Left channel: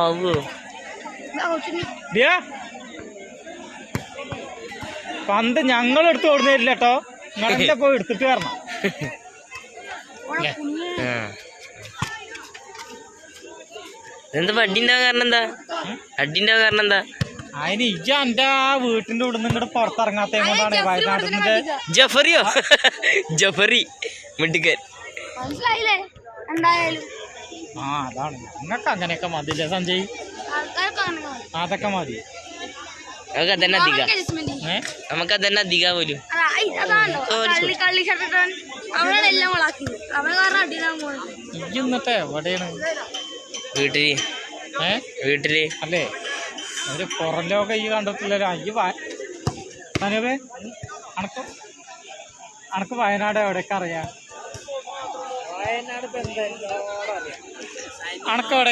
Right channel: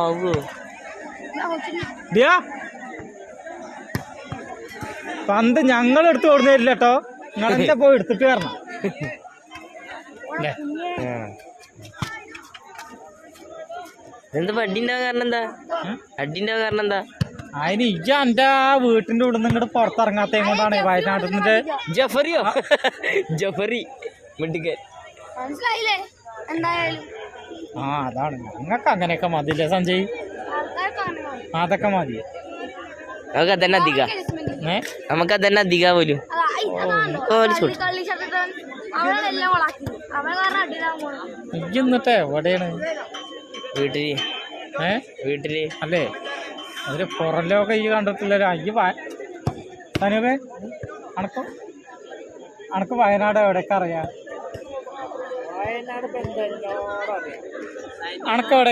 ആവോ പന്ത് ഞങ്ങൾ എടുത്ത് കൊടുത്തു തരില്ല കേട്ടോ. നിങ്ങളെ പോയി എടുത്തിട്ട് വരണം. എന്താ അടിന്റെ കാരണം എന്താ? അടിന്റെ കാരണം എന്താ? അതിന് ഇജ്ജ എന്റെ വീട്ടിന്റെ ഉള്ളിൽ നിന്ന് ഇങ്ങോട്ട് പുറത്തിറങ്ങാത്ത കൊണ്ടാണ് വയനാട്ടിന്റെ ജഫറിയോ ജഫറി മിടുക്കൻ. ആ അതാണ്. നിങ്ങൾക്ക് അങ്ങനെയൊക്കെ മതില്ലേ സഞ്ജയ്? അതൊക്കെ മതി. അതന്നെ അധിക നമുക്കതന്നെ അധിക പോലും. ഇജ്ജ് എന്നിട്ട് എവിടെയാണ്? വീട്ടില്. വീട്ടില് അല്ലേ? ഒരു പുറം ലോകം ഈ കണ്ടിട്ടില്ലല്ലോ. അനൂപേ അനക്ക് വയനാട് എവിടെയൊക്കെ അറിയാം? വയനാട് അനക്ക് എവിടെ